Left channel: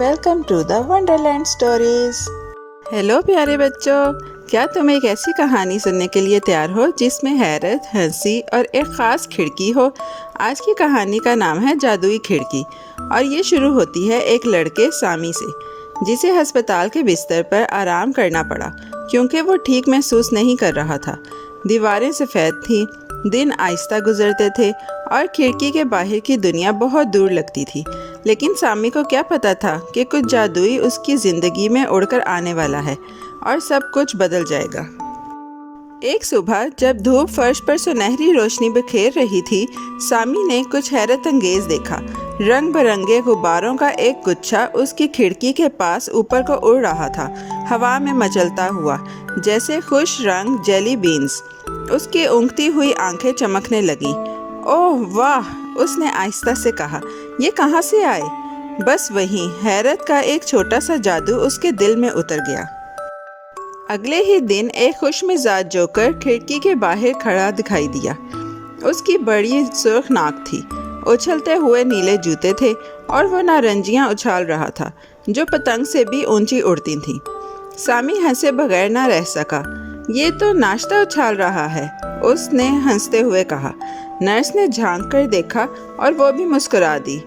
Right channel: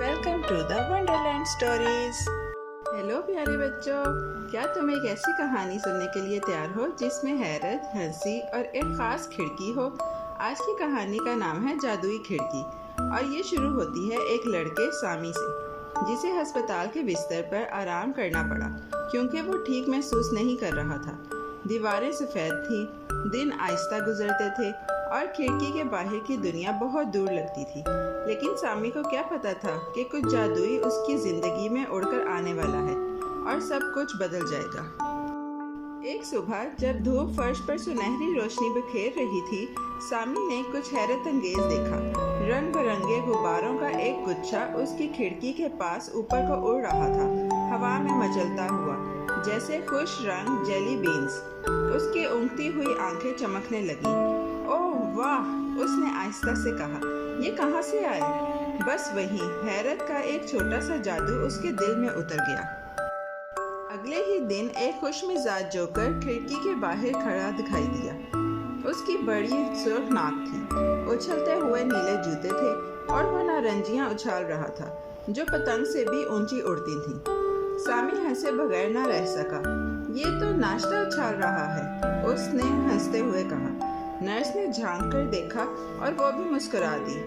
Welcome to the Wonderland Stories. Hello प्यारे बच्चों, क्या तुम एक ऐसी कहानी सुनने के लिए तैयार हो जिसमें हैरत, हंसी और एक ख़ास खिड़की हो। आज की कहानी का नाम है जादुई खिड़की और ये शुरू होती है एक लड़के सामी से, जिसे अस्पताल के बिस्तर पर आराम करना पड़ा क्योंकि वो ठीक महसूस नहीं कर रहा था। दीवारें सफ़ेद थीं, दिन आहिस्ता गुजरते थे और खिड़की के बाहर की दुनिया बहुत दूर लगती थी। लेकिन सामी को क्या पता था कि कुछ जादुई उसकी ज़िंदगी में उड़कर आने वाला है और सब कुछ बदल जाएगा। एक सुबह जब धूप फर्श पर सुनहरी रोशनी बिखेर रही थी, सामी ने कुछ हैरत अंगेज देखा। रंग बिरंगे गुब्बारों का एक गुच्छा उसकी खिड़की के पास ऊपर को उड़ रहा था, हवा में मचलता हुआ जैसे खुश रंग जेली बीन्स। उसकी ऊँघती हुई आंखें चमकने लगीं। ओह वाह, उसने आहिस्ता से कहा, ये कहाँ से आए? बस वहीं हैरत का एक छोटा सा जादू उसके दिल में उतर गया। अगले ही दिन एक खुशमिजाज जोकर खिड़की के बाहर खड़ा दिखाई दिया। उसकी बड़ी सुर्ख नाक थी, उछलते हुए नीले जूते थे और वो नारंजियां उछाल रहा था जो पतंग से भी ऊंची उड़ती थीं। सामी हंसे बगैर ना रह सका। ये तो नाश्ता उछाल रहा है, उसने हंसते हुए कहा। नर्स ने झांक कर देखा और वो भी मुस्कुरा दी।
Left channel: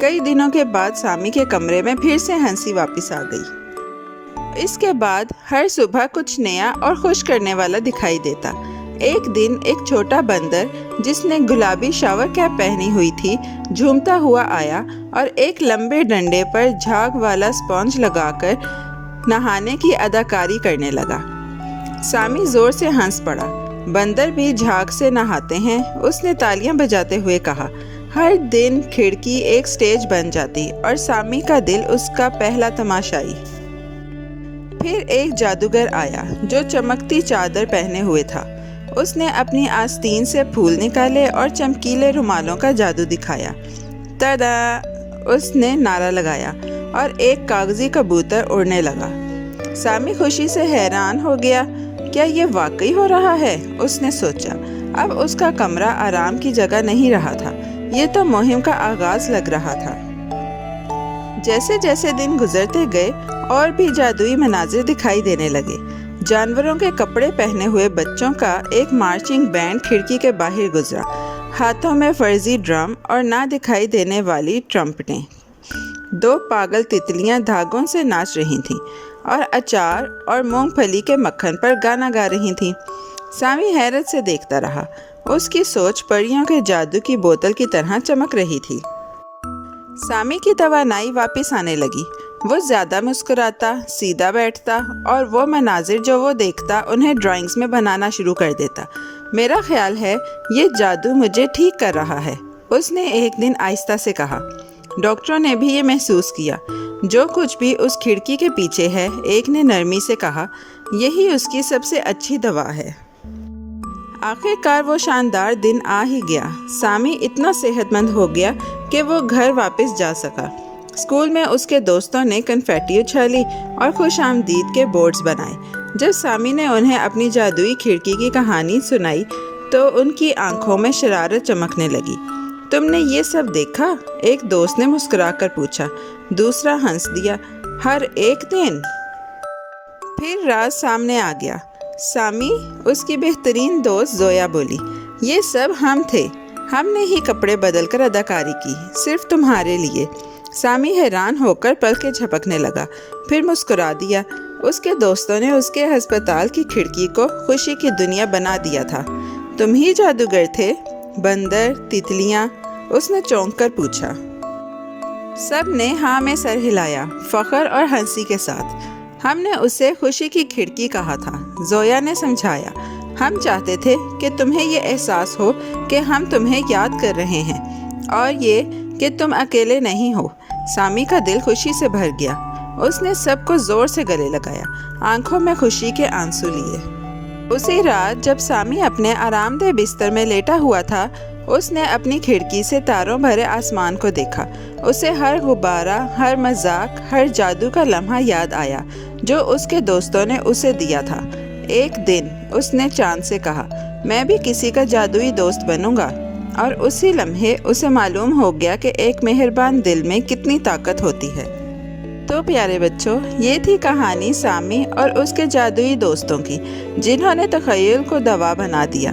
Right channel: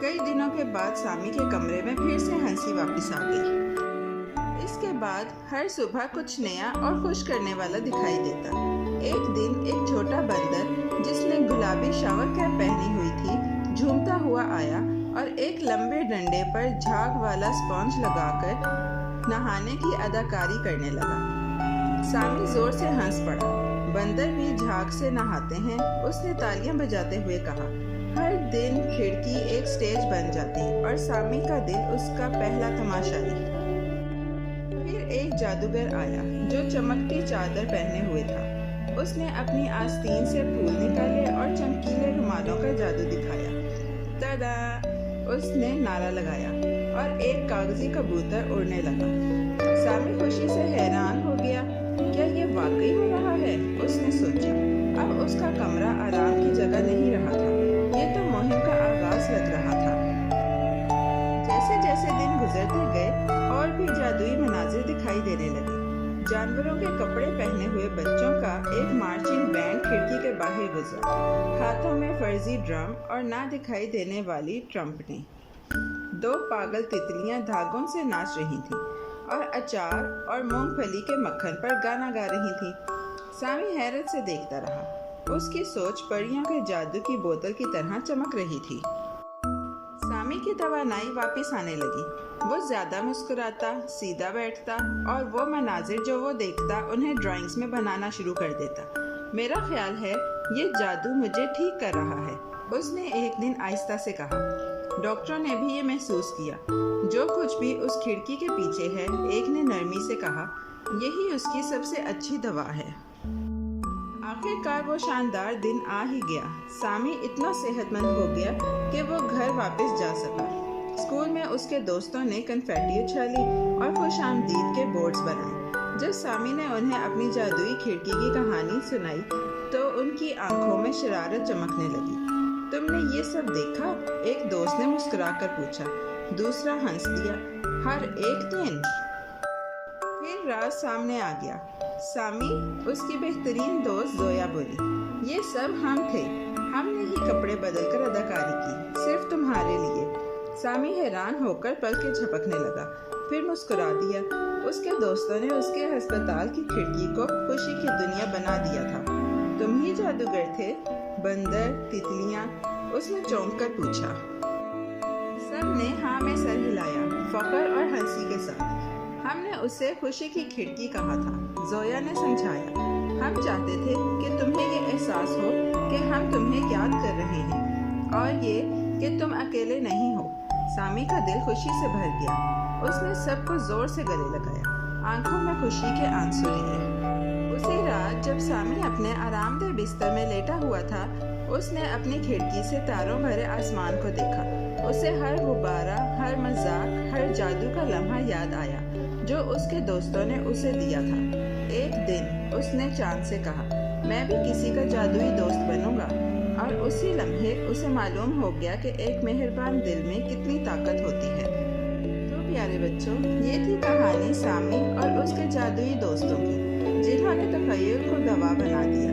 कई दिनों के बाद सामी के कमरे में फिर से हंसी वापस आ गई। इसके बाद हर सुबह कुछ नया और खुश करने वाला दिखाई देता। एक दिन एक छोटा बंदर जिसने गुलाबी शावर कैप पहनी हुई थी झूमता हुआ आया और एक लंबे डंडे पर झाग वाला स्पंज लगाकर नहाने की अदाकारी करने लगा। सामी जोर से हंस पड़ा। बंदर भी झाग से नहाते हैं, उसने तालियां बजाते हुए कहा। हर दिन खिड़की एक स्टेज बन जाती और सामी का दिल उसका पहला तमाशाई। फिर एक जादूगर आया जो चमकती चादर पहने हुए था। उसने अपनी आस्तीन से फूल निकाले और चमकीले रुमालों का जादू दिखाया। तदा! उसने नारा लगाया और एक कागजी कबूतर उड़ने लगा। सामी खुशी से हैरान हो गया। क्या ये वाकई हो रहा है? उसने सोचा। अब उसका कमरा आराम की जगह नहीं रहा था, ये तो मुहिम का आगाज लग रहा था। जैसे जैसे दिन गुजरते गए और भी जादुई मनाजिर दिखाई देने लगे। जानवरों के कपड़े पहने हुए बच्चों का एक मार्चिंग बैंड खिड़की के बाहर गुजरा, हाथों में फर्जी ड्रम और ना दिखाई देने वाली ट्रम्पेटें। दो पागल तितलियां धागों से नाच रही थीं और अचार और मूंगफली के मक्खन पर गाना गा रही थीं। सामी हैरत से देखता रहा। उसकी सोच परियों के जादू की बोतल की तरह चमक रही थी। सामी की तवानाई वापस आने लगी। वो ज़्यादा मुस्कुराता, सीधा बैठता और वो मनाजिर जो वो देखता उन्हें ड्राइंग्स में बनाना शुरू कर देता। मेरा ख्याल है ये जादू मुझे ठीक कर रहा है, उसने एक दिन आहिस्ता से कहा। डॉक्टरों ने भी ये महसूस किया। जो कुछ भी उस खिड़की के पीछे है, एक ने नरमी से कहा, यही उसकी सबसे अच्छी दवा है। आखिरकार वो शानदार दिन आ ही गया। सामी इतना सेहतमंद हो गया कि वो घर वापस जा सका। स्कूल में उसके दोस्तों ने कन्फेटी उछाली और खुश आमदीद के बोर्ड्स बनाए। जब सामी ने उन्हें अपनी जादुई खिड़की की कहानी सुनाई तो उनकी आंखों में शरारत चमकने लगी। तुमने ये सब देखा? एक दोस्त ने मुस्कुराकर पूछा। दूसरा हंस दिया। हर एक दिन? फिर राज सामने आ गया। सामी, उसकी बेहतरीन दोस्त जोया बोली, ये सब हम थे। हमने ही कपड़े बदलकर अदाकारी की, सिर्फ तुम्हारे लिए। सामी हैरान होकर पलकें झपकने लगा, फिर मुस्कुरा दिया। उसके दोस्तों ने उसके अस्पताल की खिड़की को खुशी की दुनिया बना दिया था। तुम ही जादूगर थे? बंदर, तितलियां? उसने चौंक कर पूछा। सब ने हाँ में सर हिलाया, फख्र और हंसी के साथ। हमने उसे खुशी की खिड़की कहा था, जोया ने समझाया। हम चाहते थे कि तुम्हें ये एहसास हो कि हम तुम्हें याद कर रहे हैं और ये कि तुम अकेले नहीं हो। सामी का दिल खुशी से भर गया। उसने सबको जोर से गले लगाया, आंखों में खुशी के आंसू लिए। उसी रात जब सामी अपने आरामदेह बिस्तर में लेटा हुआ था, उसने अपनी खिड़की से तारों भरे आसमान को देखा। उसे हर गुब्बारा, हर मजाक, हर जादू का लम्हा याद आया जो उसके दोस्तों ने उसे दिया था। एक दिन उसने चांद से कहा, मैं भी किसी का जादुई दोस्त बनूंगा। और उसी लम्हे उसे मालूम हो गया कि एक मेहरबान दिल में कितनी ताकत होती है। तो प्यारे बच्चों, ये थी कहानी सामी और उसके जादुई दोस्तों की, जिन्होंने तख़य्युल को दवा बना दिया।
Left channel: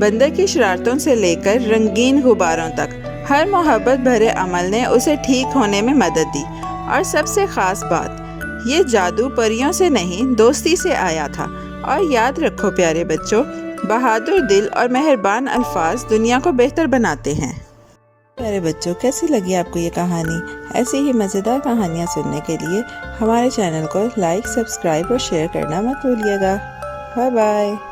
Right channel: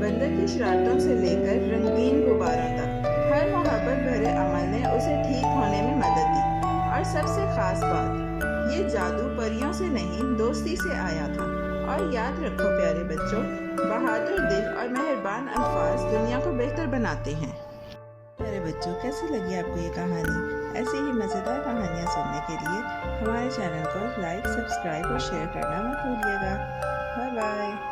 बंदर की शरारतों से लेकर रंगीन गुब्बारों तक हर मोहब्बत भरे अमल ने उसे ठीक होने में मदद दी। और सबसे ख़ास बात, ये जादू परियों से नहीं, दोस्ती से आया था। और याद रखो प्यारे बच्चों, बहादुर दिल और मेहरबान अल्फाज दुनिया को बेहतर बनाते हैं। प्यारे बच्चों, कैसी लगी आपको ये कहानी? ऐसी ही मज़ेदार कहानियाँ सुनने के लिए हमारे चैनल को लाइक, सब्सक्राइब और शेयर करना मत भूलिएगा। Bye bye.